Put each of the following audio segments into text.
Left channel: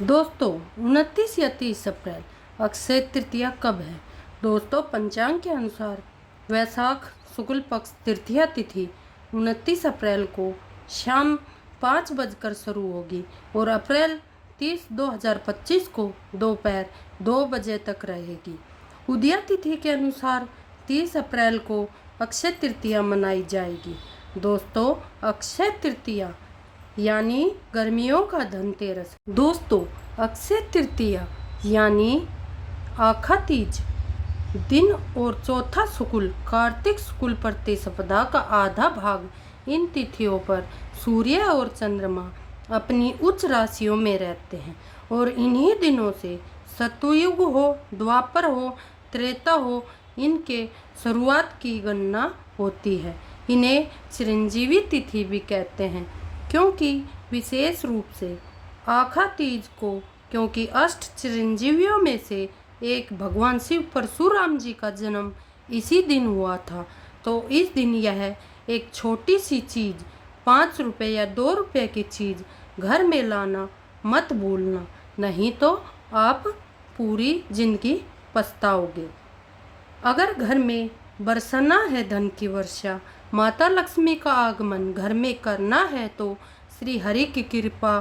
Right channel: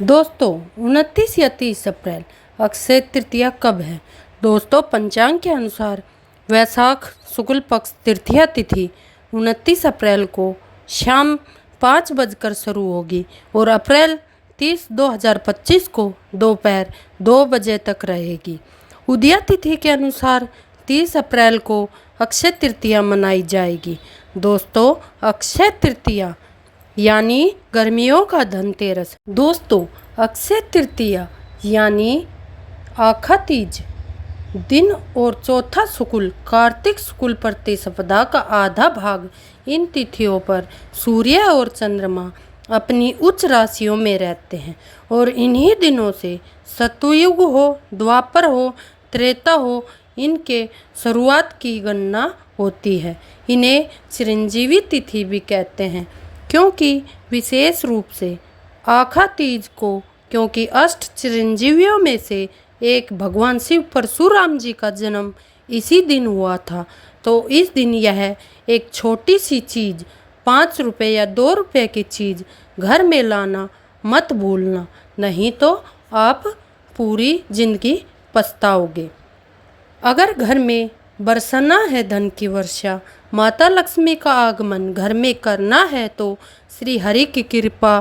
दोस्तों 29 या 30 अप्रैल अक्षय तृतीया कब है। दोस्तों पंचांग के अनुसार वैशाख शुक्ल पक्ष तृतीया तिथि 29 अप्रैल को शाम 5 बजकर शुरू होगी और अप्रैल 30, 2025 को दोपहर 2 बजे तक रहेगी। उदया तिथि के अनुसार 30 अप्रैल को अक्षय तृतीया मनाई जाएगी। दोस्तों अक्षय तृतीया यानी गर्मियों का धनतेरस। दोस्तों अक्षय तृतीया यानी आखा तीज दिन और चौथा शुक्ल कार्तिक शुक्ल प्रतिपदा का आधा भाग इन तिथियों पर सूर्य और चंद्रमा अपनी उच्च राशियों में रहते हैं और इन्हीं दिनों से सतयुग हो, द्वापर हो, त्रेता हो, इनके शुरुआत की गणना होती है। इन्हें चिरंजीवी तिथि भी कहते हैं क्योंकि विशेष रूप से आखा तीज को क्योंकि अष्ट चिरंजीवियों में से एक भगवान शिव परशुराम जी का जन्म इसी दिन हुआ था, तो इस दिन यह एक छोटी सी चीज़ 5 रुपये या 2 रुपये की चीज़ घर में लाना मत भूलना, नहीं तो आप पूरी जिंदगी पछताओगे। अगर घर में बरसना है धन की वर्षा, माता लक्ष्मी का आगमन घर में करना है, तो श्री हरि की कृपा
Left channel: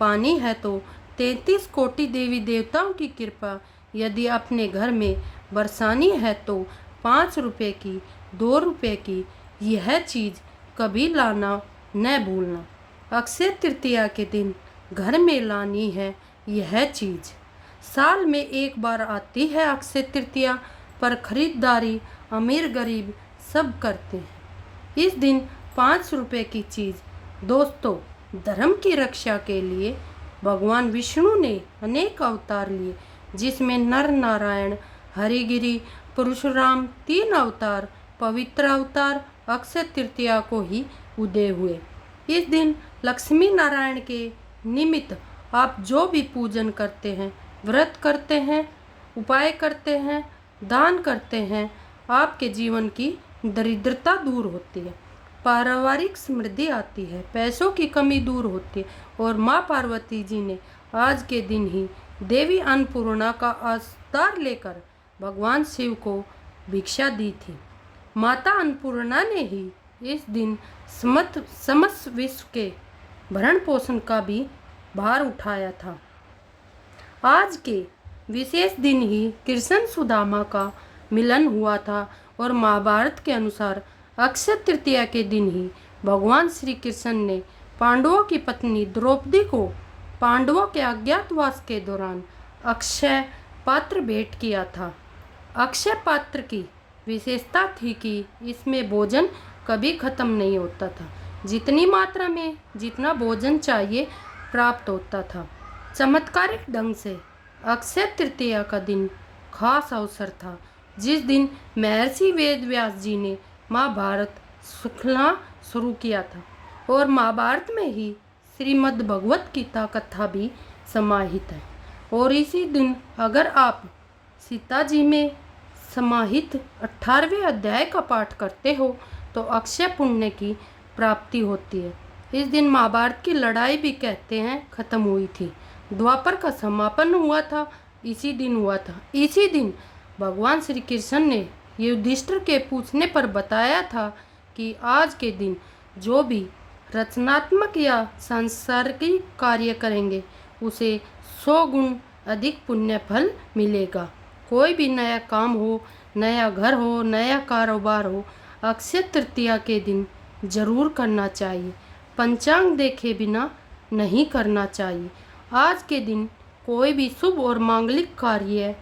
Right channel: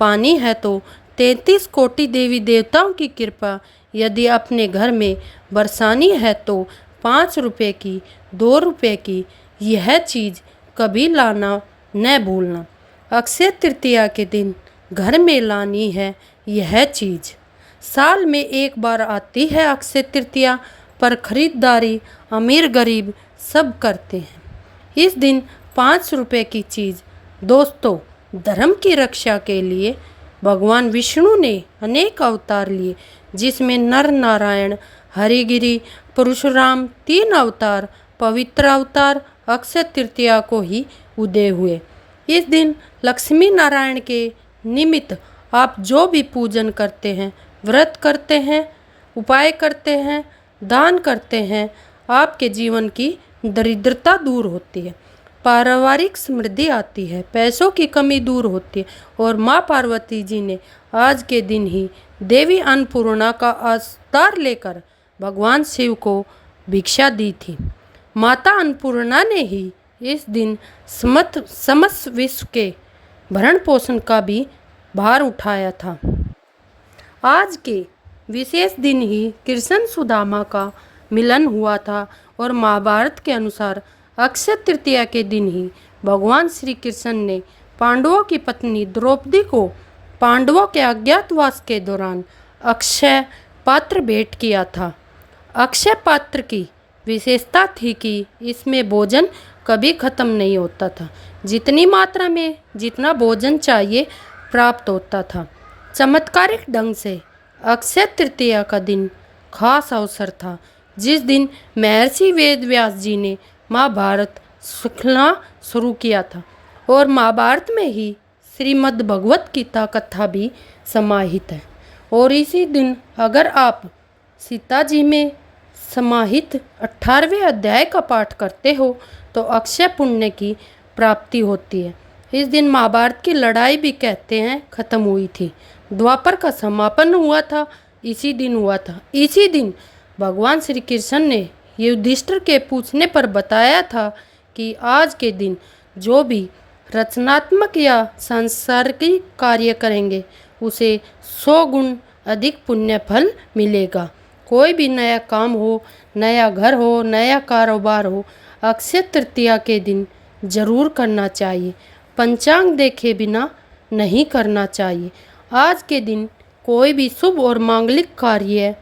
पानी है, तो 33 कोटि देवी देवताओं की कृपा यदि अपने घर में बरसानी है, तो 5 रुपये की 2 रुपये की यह चीज़ कभी लाना न भूलना। अक्षय तृतीया के दिन घर में लानी है यह चीज़। साल में एक बार आती है अक्षय तृतीया, पर खरीदारी अमीर गरीब सब करते हैं। इस दिन 5 रुपये की चीज़। दोस्तों धर्म की रक्षा के लिए भगवान विष्णु ने अनेक अवतार लिए, जिसमें नर नारायण, हरिगिरी, परशुराम 3 अवतार, पवित्र अवतार अक्षय तृतीया को ही उदय हुए। इस दिन लक्ष्मी नारायण के निमित्त आप जो भी पूजन करते हैं, व्रत करते हैं, उपाय करते हैं, दान करते हैं, आपके जीवन की दरिद्रता दूर होती है, पारिवारिक समृद्धि आती है, पैसों की कमी दूर होती है। और माँ पार्वती जी ने आज के दिन ही देवी अन्नपूर्णा का अवतार लेकर भगवान शिव को भिक्षा दी थी। माता अन्नपूर्णा ने ही इस दिन समस्त विश्व के भरण पोषण का भी भार उठाया था। आज के विशेष दिन ही कृष्ण सुदामा का मिलन हुआ था और महाभारत के अनुसार अक्षय तृतीया के दिन ही भगवान श्री कृष्ण ने पांडवों की पत्नी द्रौपदी को पांडवों के अज्ञातवास के दौरान अक्षय पात्र भेंट किया था। अक्षय पात्र की विशेषता थी कि इसमें भोजन कभी खत्म नहीं होता था, जितनी मात्रा में जितना भोजन चाहिए प्राप्त होता था। चमत्कारिक ढंग से अक्षय तृतीया का दिन खास अवसर था, जिस दिन महर्षि वेदव्यास जी ने महाभारत लिखना शुरू किया था और महाभारत में ही श्रीमद् भगवत गीता कथा भी समाहित है। और इसी दिन अगर आप सीता जी में समाहित 18वें अध्याय का पाठ करते हो तो अक्षय पुण्य की प्राप्ति होती है। इस दिन महाभारत की लड़ाई भी कहते हैं खत्म हुई थी, द्वापर का समापन हुआ था, इसी दिन हुआ था। इसी दिन भगवान श्री कृष्ण ने युधिष्ठिर के पूछने पर बताया था कि आज के दिन जो भी रचनात्मक या सांसारिक कार्य करेंगे उसे 100 गुण अधिक पुण्य फल मिलेगा। कोई भी नया काम हो, नया घर हो, नया कारोबार हो, अक्षय तृतीया के दिन जरूर करना चाहिए। पंचांग देखे बिना नहीं करना चाहिए। आज के दिन कोई भी शुभ और मांगलिक कार्य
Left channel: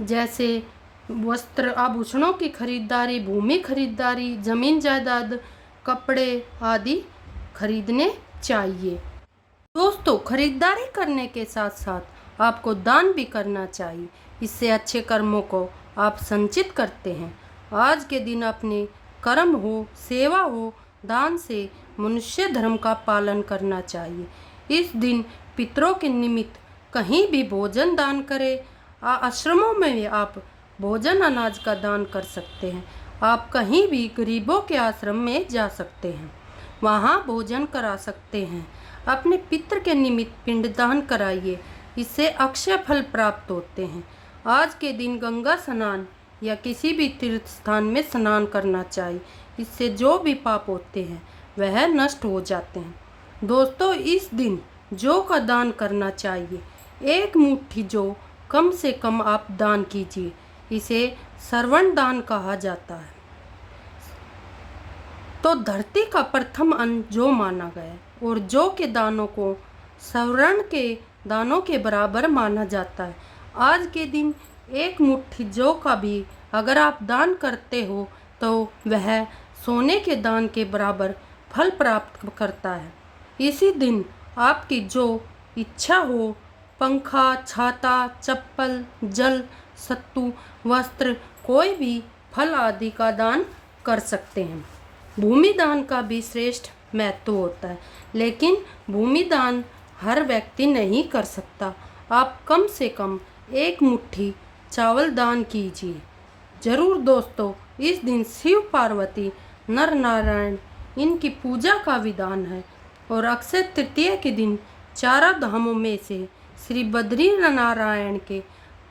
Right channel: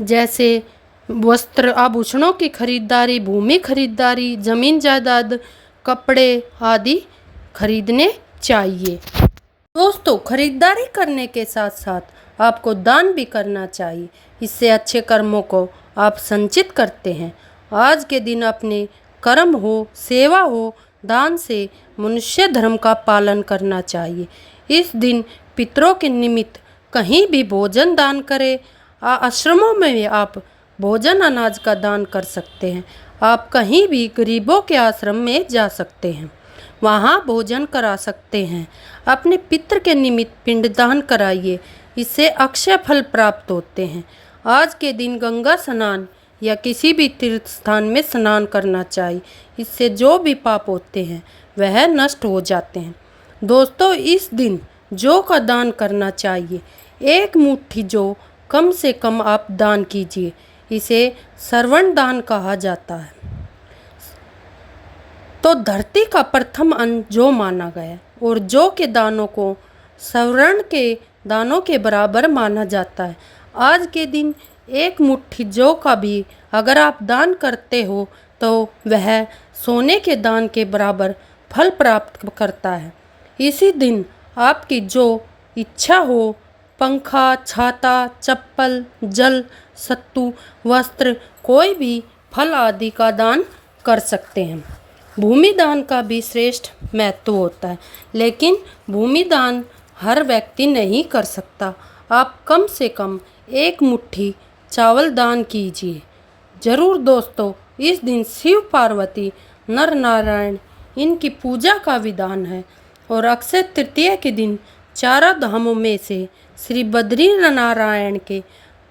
जैसे वस्त्र आभूषणों की खरीदारी, भूमि खरीदारी, जमीन जायदाद, कपड़े आदि खरीदने चाहिए। दोस्तों खरीदारी करने के साथ साथ आपको दान भी करना चाहिए, इससे अच्छे कर्मों को आप संचित करते हैं। आज के दिन अपने कर्म हो, सेवा हो, दान से मनुष्य धर्म का पालन करना चाहिए। इस दिन पितरों के निमित्त कहीं भी भोजन दान करें। आश्रमों में आप भोजन अनाज का दान कर सकते हैं। आप कहीं भी गरीबों के आश्रम में जा सकते हैं, वहाँ भोजन करा सकते हैं। अपने पितृ के निमित्त पिंडदान कराइए। इससे अक्षय फल प्राप्त होते हैं। आज के दिन गंगा स्नान या किसी भी तीर्थ स्थान में स्नान करना चाहिए। इससे जो भी पाप होते हैं वह नष्ट हो जाते हैं। दोस्तों, इस दिन जौ का दान करना चाहिए। एक मुट्ठी जौ कम से कम आप दान कीजिए। इसे श्रवण दान कहा जाता है। तो धरती का प्रथम अन्न जौ माना गया और जौ के दानों को स्वर्ण के दानों के बराबर माना जाता है। आज के दिन एक मुट्ठी जौ का भी अगर आप दान करते हो तो वह सोने के दान के बराबर फल प्राप्त करता है। इसी दिन आपकी जो इच्छा हो, पंखा, छाता, चप्पल, जल, सत्तू, वस्त्र, कोई भी फल आदि का दान कर सकते हैं। भूमि दान का भी श्रेष्ठ महत्व होता है, लेकिन भूमि दान हर व्यक्ति नहीं कर सकता। आप कम से कम एक मुट्ठी चावल दान कीजिए जरूर। दोस्तों, इस दिन शिव पार्वती नर नारायण इनकी पूजा का विधान है और अक्षय तृतीया के दिन चारों धामों में से श्री बद्री नारायण के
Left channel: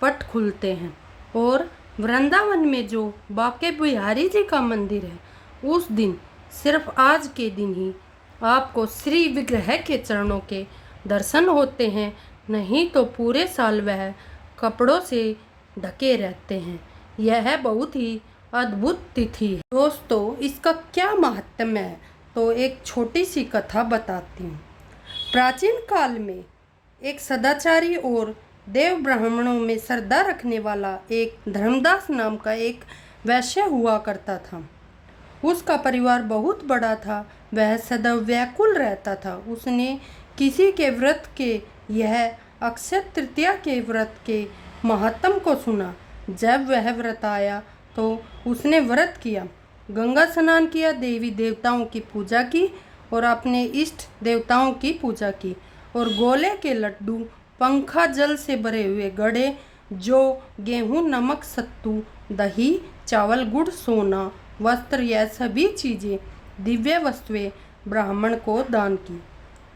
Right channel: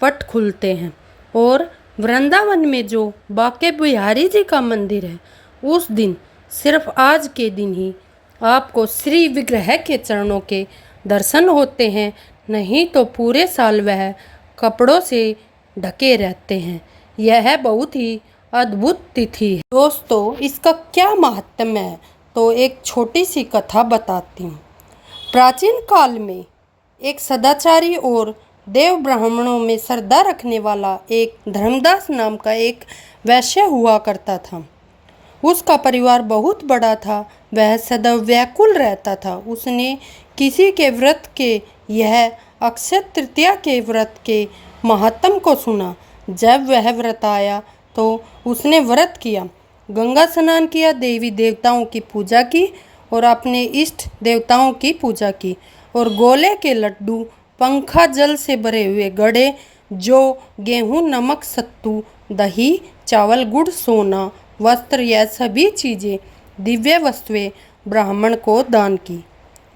पट खुलते हैं और वृंदावन में जो बांके बिहारी जी का मंदिर है उस दिन सिर्फ आज के दिन ही आपको श्री विग्रह के चरणों के दर्शन होते हैं, नहीं तो पूरे साल वह कपड़ों से ढके रहते हैं। यह बहुत ही अद्भुत तिथि है। दोस्तों, इसका क्या महत्व है तो एक छोटी सी कथा बताती हूँ। प्राचीन काल में एक सदाचारी और देव ब्राह्मणों में श्रद्धा रखने वाला एक धर्मदास नाम का एक वैश्य हुआ करता था। उसका परिवार बहुत बड़ा था। वह सदैव व्याकुल रहता था। उसने किसी के व्रत के, यह अक्षय तृतीया के व्रत के महात्म को सुना। जब वह व्रत आया तो उसने व्रत किया, गंगा स्नान किया, देवी देवताओं की पूजा की और अपने इष्ट देवताओं की पूजा की और गोले के लड्डू, पंखा, जल से भरे हुए घड़े, जौ, गेहूँ, नमक, सत्तू, दही, चावल, गुड़, सोना, वस्त्र, यह सभी चीज़ें, दिव्य वस्तुएं ब्राह्मण को दान की।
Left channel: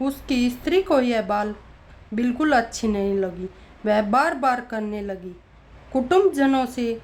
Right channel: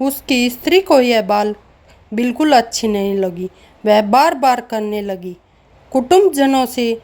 उसकी स्त्री को यह बात बिल्कुल अच्छी नहीं लगी। वह बार बार करने लगी। कुटुंबजनों से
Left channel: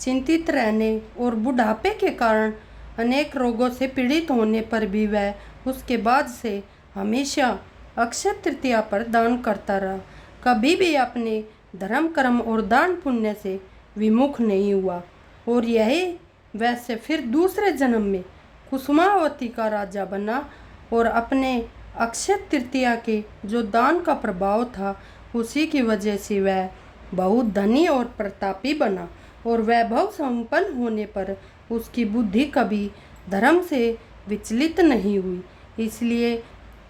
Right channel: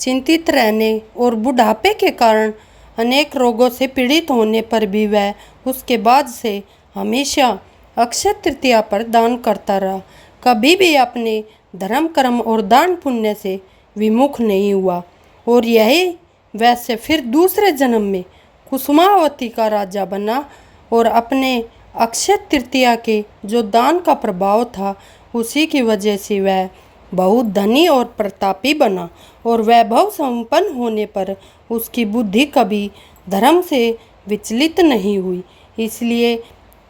चिंतित रहने और बुढ़ापे के कारण अनेक रोगों से पीड़ित होने पर भी वह उसके बाद से हमेशा अक्षय तृतीया पर दान करता रहा। कभी भी अपने धर्म, कर्म और दान पुण्य से विमुख नहीं हुआ और यही वैसे फिर दूसरे जन्म में कुसुमावती का राजा बना और अपने अक्षय तृतीया के जो दान का प्रभाव था उसी की वजह से वह बहुत धनी और प्रतापी बना और वैभव संपन्न होने पर उसकी बुद्धि कभी धर्म से विचलित नहीं हुई। इसलिए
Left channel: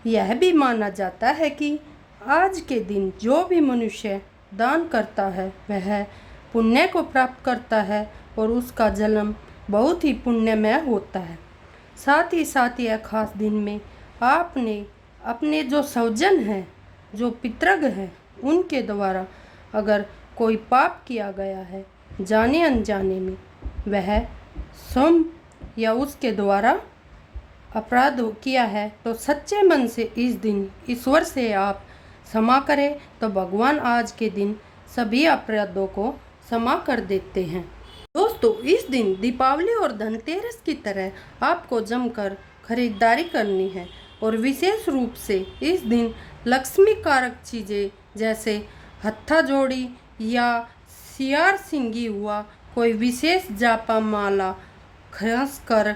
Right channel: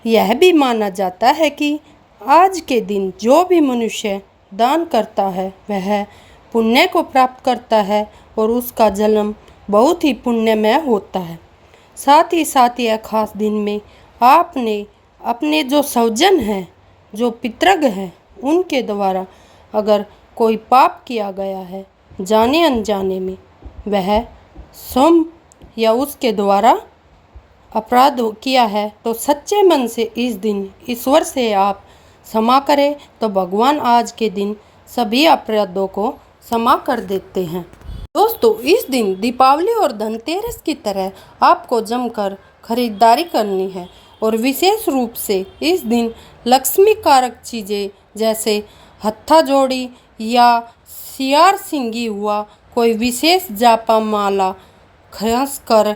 यह भी माना जाता है कि आज के दिन जो भी मनुष्य दान करता है वह पुण्य को प्राप्त करता है और उसका जन्म बहुत ही पुण्यमय होता है। साथ ही साथ यह खास दिन में आपने अपने जो स्वजन हैं, जो पितृग हैं, उनके द्वारा अगर कोई पाप किया गया है जाने अनजाने में, वह स्वयं या उसके द्वारा अपराध किया है तो सच्चे मन से इस दिन ईश्वर से आप क्षमा करें तो भगवान आज के दिन सभी अपराधों को क्षमा कर देते हैं। दोस्तों, इस दिन दीपावली और धनतेरस की तरह आपको जमकर खरीदारी करनी है और विशेष रूप से इस दिन लक्ष्मी कारक चीज़ें जैसे हत्था जोड़ी या सियार सिंगी हुआ, कोई विशेष जापा माला, खासकर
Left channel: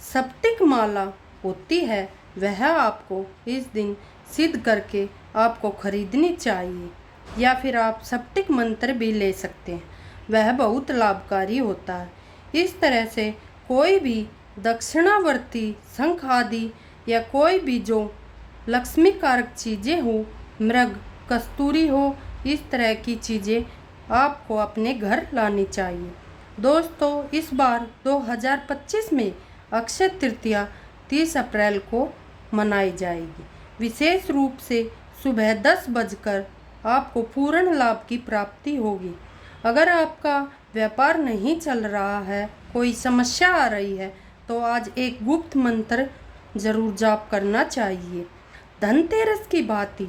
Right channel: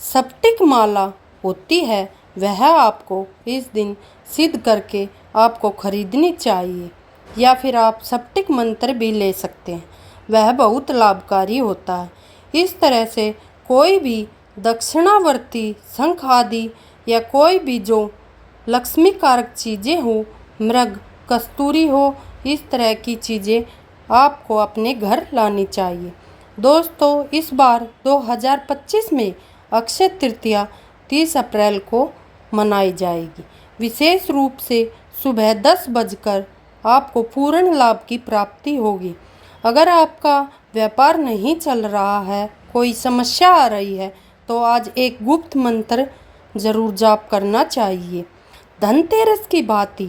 स्फटिक माला होती है, वह आपको इस दिन सिद्ध करके आपको खरीदनी चाहिए। या फिर आप स्फटिक मंत्र भी ले सकते हैं, वह बहुत लाभकारी होता है। इस तरह से कोई भी दक्षिणावर्ती शंख आदि या कोई भी जो लक्ष्मी कारक चीज़ें हो, मृग, कस्तूरी हो, इस तरह की चीज़ें आपको अपने घर लानी चाहिए। दोस्तों, इस बार 2025 में अक्षय तृतीया 30 अप्रैल को मनाई जाएगी। विशेष रूप से सुबह 10 बजकर आपको पूर्ण लाभ की प्राप्ति होगी। अगर आपका व्यापार नहीं चल रहा है, कोई समस्या आ रही है, तो आज एक गुप्त मंत्र जरूर जाप करना चाहिए। धनतेरस की भांति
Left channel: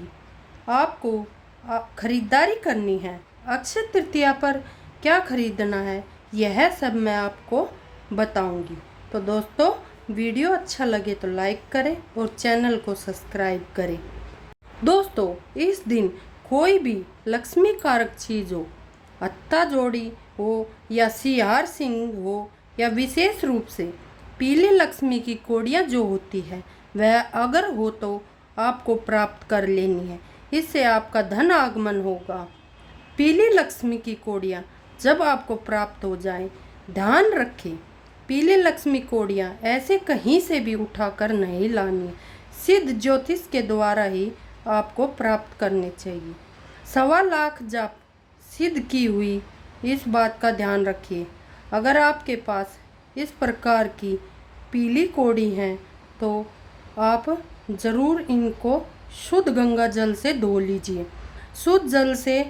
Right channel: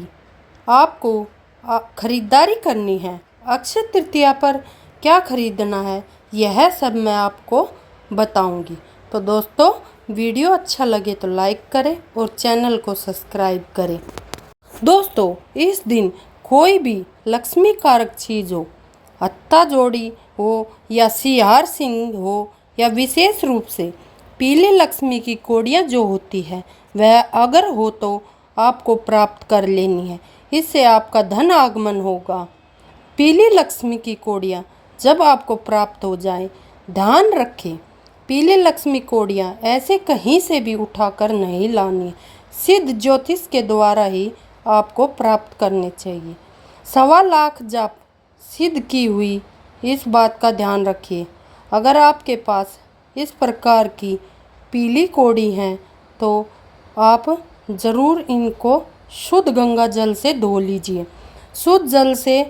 आपको खरीदारी करनी है। अक्षय तृतीया पर क्या खरीदना है, यह सब मैं आपको बताऊंगी। तो दोस्तों, वीडियो अच्छा लगे तो लाइक करें और चैनल को सब्सक्राइब करें। दोस्तों, इस दिन कोई भी लक्ष्मी कारक चीज़ हो, हत्ता जोड़ी हो या सिहार सिंह हो, या विशेष रूप से पीले लक्ष्मी की कौड़ियाँ जो होती है, वह अगर हो तो आपको प्राप्त कर लेनी है। इससे आपका धन आगमन होगा। पीली लक्ष्मी की कौड़ियाँ जब आपको प्राप्त हो जाए, ध्यान रखें, पीली लक्ष्मी कौड़ियाँ ऐसे कहीं से भी उठाकर नहीं लानी, सिद्ध ज्योतिष के द्वारा ही आपको प्राप्त करने चाहिए। 1.25 लाख जाप सिद्ध की हुई, इस बात का ध्यान रखिए। अगर आपके पास इस प्रकार की पीली कौड़ी हैं तो आप ज़रूर इनको शुद्ध गंगा जल से धो लीजिए। शुद्ध जल से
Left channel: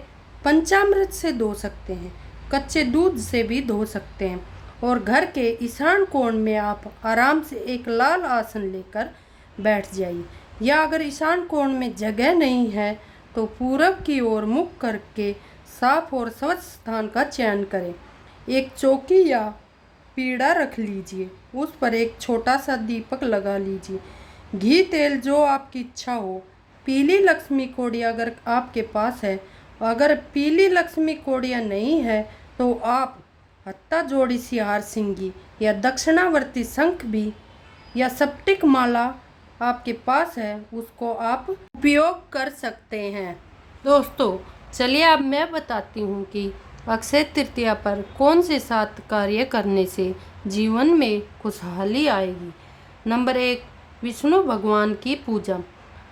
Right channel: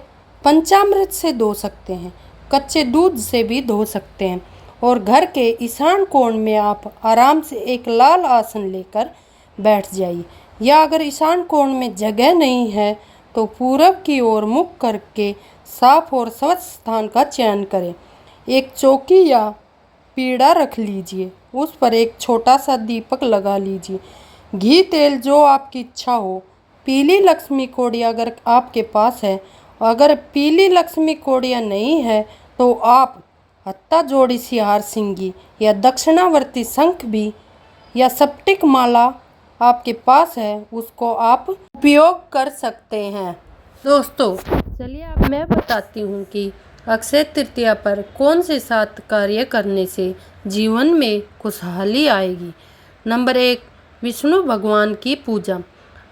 पंचामृत से धो सकते हैं, कच्चे दूध से भी धो सकते हैं। और घर के ईशान कोण में आप आराम से एक लाल आसन लेकर बैठ जाइए, या अगर ईशान कोण में जगह नहीं है तो पूरब की ओर मुख करके साफ और स्वच्छ स्थान का चयन करें। एक चौकी या पीढ़ा रख लीजिए, उस पर एक छोटा सा दीपक लगा लीजिए। घी तेल जो आपकी इच्छा हो। पीली लक्ष्मी कौड़ी अगर आपके पास है, अगर पीली लक्ष्मी कौड़ियाँ नहीं है तो आप हत्ता जोड़ी सिहार सिंगी या दक्षिणावर्ती शंख भी या सप्टिक माला आपके पास है, उसको आप उपयोग कर सकते हैं। दोस्तों, चलिए अब मैं बताती हूँ कि अक्षय तृतीया पर कौन से 7 कार्य करने से जीवन में खुशहाली आएगी। नंबर 1, विष्णु भगवान की पूजा।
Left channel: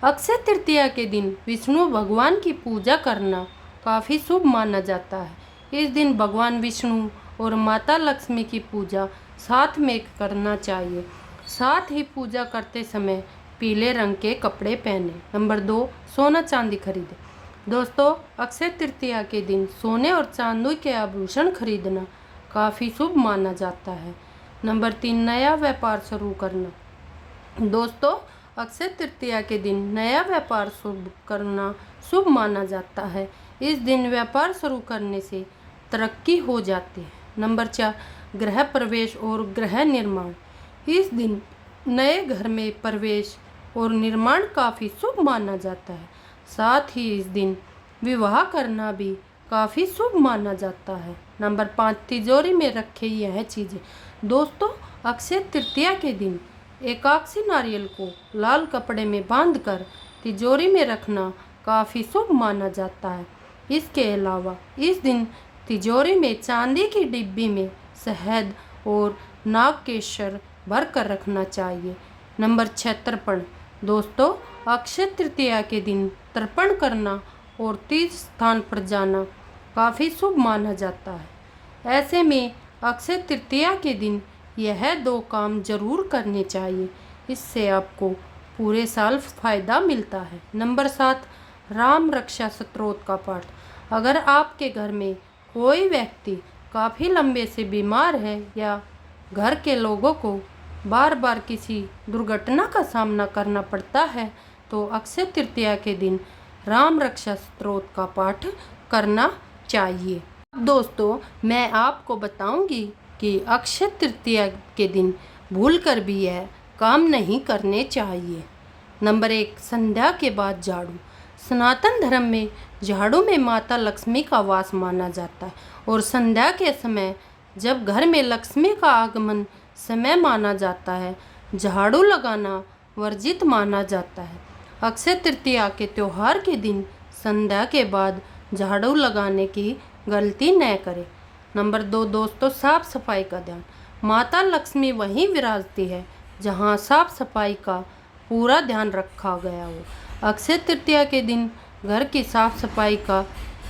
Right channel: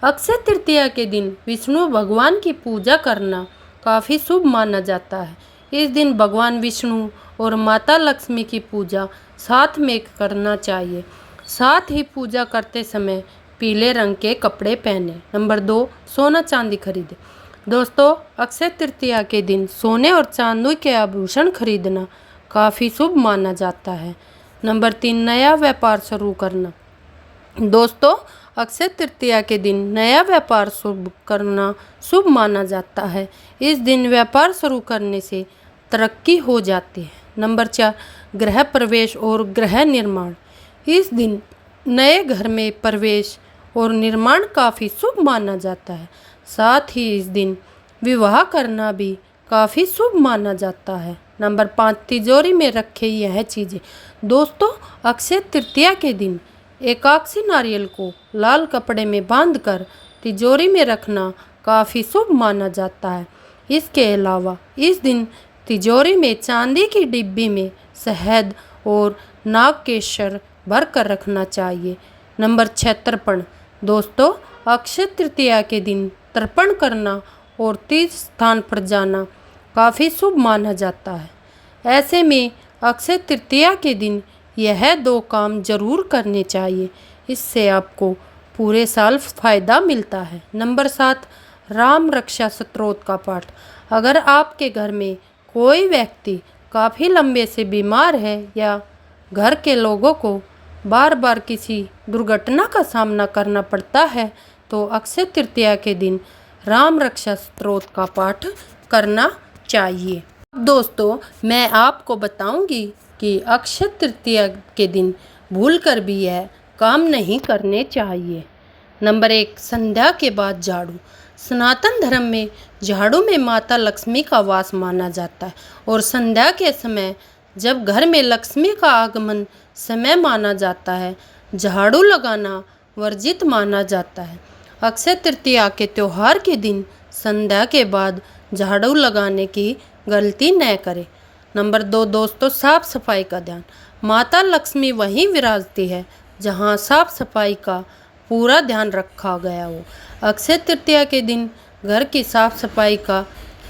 अक्षय तृतीया के दिन विष्णु भगवान की पूजा करना काफ़ी शुभ माना जाता है। इस दिन भगवान विष्णु और माता लक्ष्मी की पूजा साथ में करना चाहिए। साथ ही पूजा करते समय पीले रंग के कपड़े पहने। नंबर 2, सोना चांदी खरीदे। दोस्तों, अक्षय तृतीया के दिन सोने और चांदी के आभूषण खरीदना काफ़ी शुभ माना जाता है। नंबर 3, नया व्यापार शुरू करना। दोस्तों, अक्षय तृतीया के दिन नया व्यापार शुरू करना शुभ माना जाता है। इस दिन व्यापार शुरू करने से तरक्की हो जाती है। नंबर 4, गृह प्रवेश और गृह निर्माण। इस दिन नए घर में प्रवेश और निर्माण काफ़ी शुभ माना जाता है। साथ ही इस दिन विवाह करना भी काफ़ी शुभ माना जाता है। नंबर 5, तिजोरी में रखे यह चीज़ें। दोस्तों, अक्षय तृतीया के दिन एकाक्षी नारियल को लाल कपड़े में बांधकर तिजोरी में रखना काफ़ी शुभ माना जाता है। इसके अलावा इस दिन तिजोरी में चांदी की डिब्बी में शहद और नागकेशर भर कर रखना चाहिए। नंबर 6, तर्पण। दोस्तों, अक्षय तृतीया के दिन तर्पण करना और तीर्थ स्थान पर जाना काफ़ी शुभ माना जाता है। ऐसे में अक्षय तृतीया के दिन यह 2 काम जरूर करने चाहिए, इससे आपको पूरे साल फायदा मिलता है। नंबर 7, राम रक्षा स्तोत्र का पाठ। अगर आपके घर में कोई व्यक्ति काफ़ी लंबे से बीमार है या घर के लोगों को बार बार किसी दुर्घटना का सामना करना पड़ता है तो अक्षय तृतीया के दिन राम रक्षा स्तोत्र का पाठ करना चाहिए। दोस्तों, मैं आपको बताऊंगी कि अक्षय तृतीया के दिन भूलकर भी यह काम नहीं करने चाहिए। नंबर 1, संध्या के बाद झाड़ू। सनातन धर्म में झाड़ू में माता लक्ष्मी का वास माना जाता है और संध्या के समय जब घर में लक्ष्मी का आगमन समय माना जाता है, झाड़ू लगाना वर्जित माना जाता है। अक्षय तृतीया के त्यौहार के दिन संध्या के बाद झाड़ू लगाने की गलती न करें। नंबर 2, दोस्तों, साफ सफाई का ध्यान। माता लक्ष्मी वहीं विराजती है जहां साफ सफाई का पूरा ध्यान रखा गया हो। अक्षय तृतीया के दिन घर की साफ सफाई का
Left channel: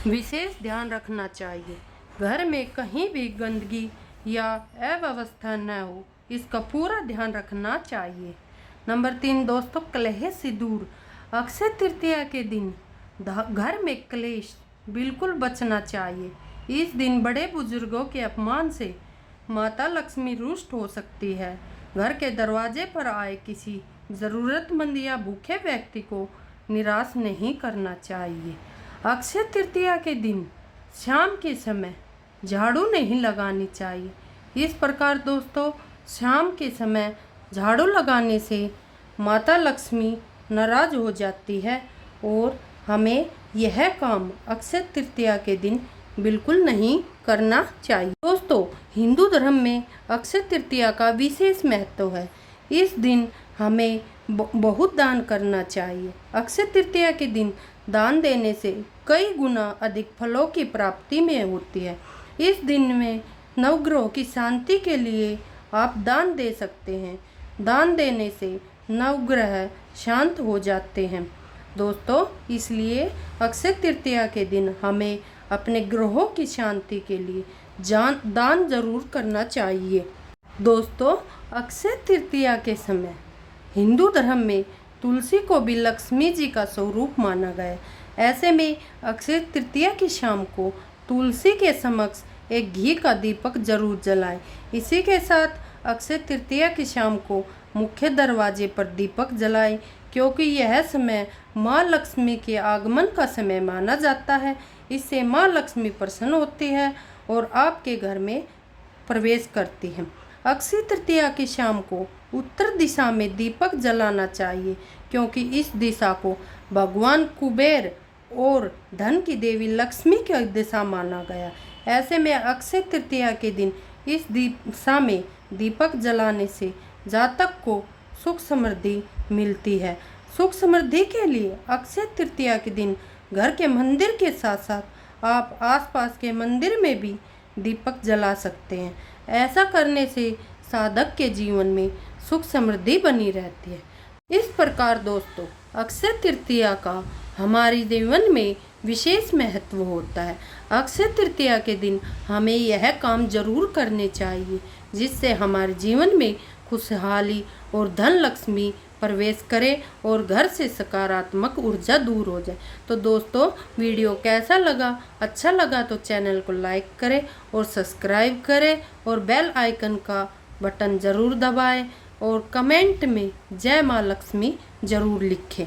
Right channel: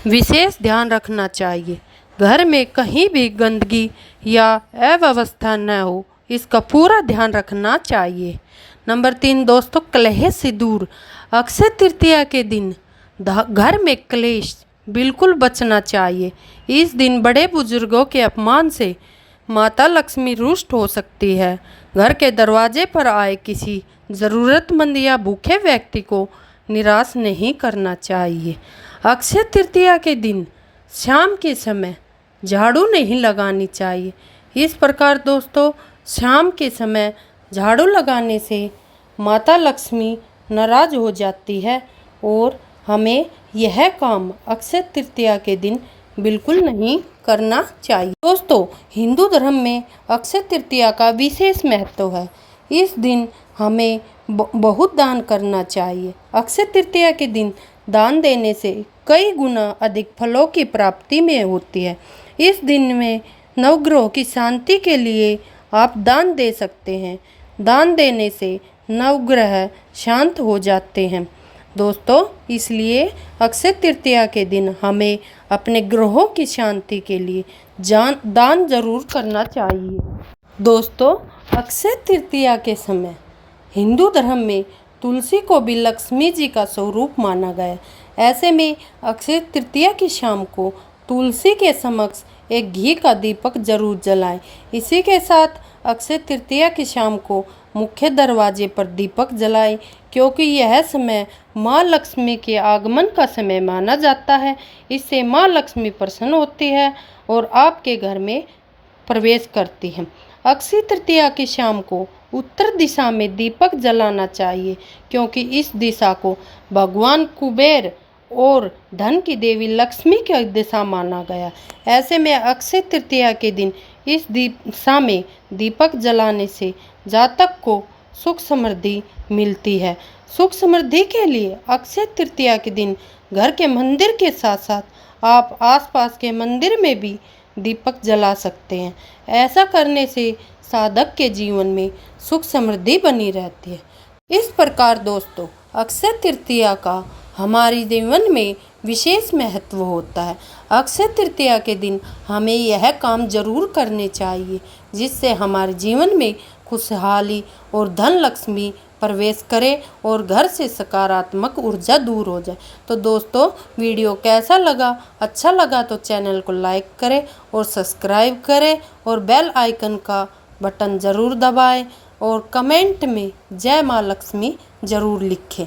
विशेष ध्यान रखना चाहिए। घर में कहीं भी गंदगी या अव्यवस्था न हो, इसका पूरा ध्यान रखना चाहिए। नंबर 3, दोस्तों, कलह से दूर। अक्षय तृतीया के दिन घर में क्लेश बिल्कुल बचना चाहिए। इस दिन बड़े बुजुर्गों के अपमान से माता लक्ष्मी रुष्ट हो सकती है। घर के दरवाजे पर आए किसी ज़रूरतमंद या भूखे व्यक्ति को निराश नहीं करना चाहिए। अक्षय तृतीया के दिन शाम के समय झाड़ू नहीं लगानी चाहिए। इस प्रकार दोस्तों शाम के समय झाड़ू लगाने से माता लक्ष्मी नाराज हो जाती है और हमें यह काम अक्षय तृतीया के दिन बिल्कुल नहीं करना चाहिए। दोस्तों हिंदू धर्म में अक्षय तृतीया का विशेष महत्व है। इस दिन हमें बहुत दान करना चाहिए। अक्षय तृतीया के दिन दान देने से कई गुना अधिक फलों की प्राप्ति में होती है। इस दिन में नवग्रहों की शांति के लिए आप दान दे सकते हैं। दान देने से नवग्रह शांत हो जाते हैं। दोस्तों इसलिए अक्षय तृतीया के दिन हमें अपने ग्रहों की शांति के लिए दान जरूर करना चाहिए। दोस्तों अक्षय तृतीया के समय हिंदू धर्म में तुलसी को भी लक्ष्मी जी का स्वरूप माना गया है। ऐसे में अक्षय तृतीया की शाम को तुलसी के समक्ष एक घी का दीपक जरूर जलाएं। इसी के साथ अक्षय तृतीया की शाम को मुख्य दरवाजे पर दीपक जलाएं, क्योंकि यह समय माँ लक्ष्मी के आगमन का समय माना जाता है। इससे माँ लक्ष्मी प्रसन्न होती है और आपके घर में प्रवेश करती है। अक्षय तृतीया की शाम को उत्तर दिशा में दीपक जलाना चाहिए, क्योंकि इस दिशा को भगवान कुबेर और धन की देवी लक्ष्मी की दिशा माना गया। ऐसे में अक्षय तृतीया के दिन इस दिशा में दीपक जलाने से जातक को सुख समृद्धि मिलती है। सुख समृद्धि के लिए अक्षय तृतीया के दिन घर के मंदिर के साथ साथ आप आसपास के मंदिर में भी दीपक जला सकते हैं। ऐसा करने से साधक के जीवन में सुख समृद्धि बनी रहती है। इस प्रकार दोस्तों अक्षय तृतीया का हमारे जीवन में विशेष महत्व होता है। अक्षय तृतीया के दिन हमें यह काम जरूर करने चाहिए, जिससे हमारे जीवन में खुशहाली और धन लक्ष्मी प्रवेश करे और घर से सकारात्मक ऊर्जा दूर हो जाए। तो दोस्तों वीडियो कैसा लगा? अच्छा लगा तो चैनल को लाइक करें और सब्सक्राइब करें और बेल आइकन का बटन ज़रूर दबाएं और कमेंट में जय माँ लक्ष्मी ज़रूर लिखें।